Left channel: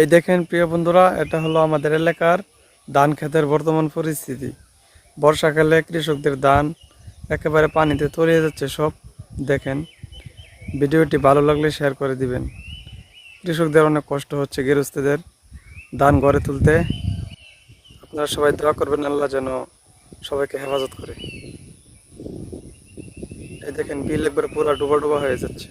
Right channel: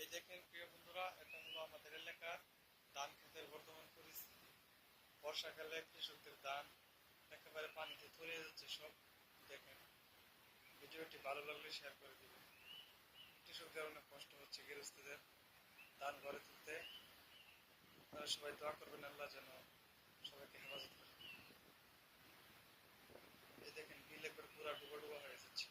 এই দেখেন প্রিয় বন্ধুরা, এটা হলো আমাদের এলাকার ধান ক্ষেতের বর্তমান পরিস্থিতি। বর্ষাকালে কৃষকদের ধান একেবারে পানিতে তলিয়ে যাচ্ছে সব। দেখেন, ভিডিওটি ভালো লাগলে শেয়ার করে দিবেন। কৃষকদের অনেক কষ্ট হচ্ছে, গৃহস্থদের ধান ঘরে তুলতে। আপনারা সবাই দোয়া করবেন, আল্লাহ যেন সবাইকে হেফাজত করে। এই দেখেন, বিল একবারে পুরো ডুবা ডুবা হয়ে যাচ্ছে।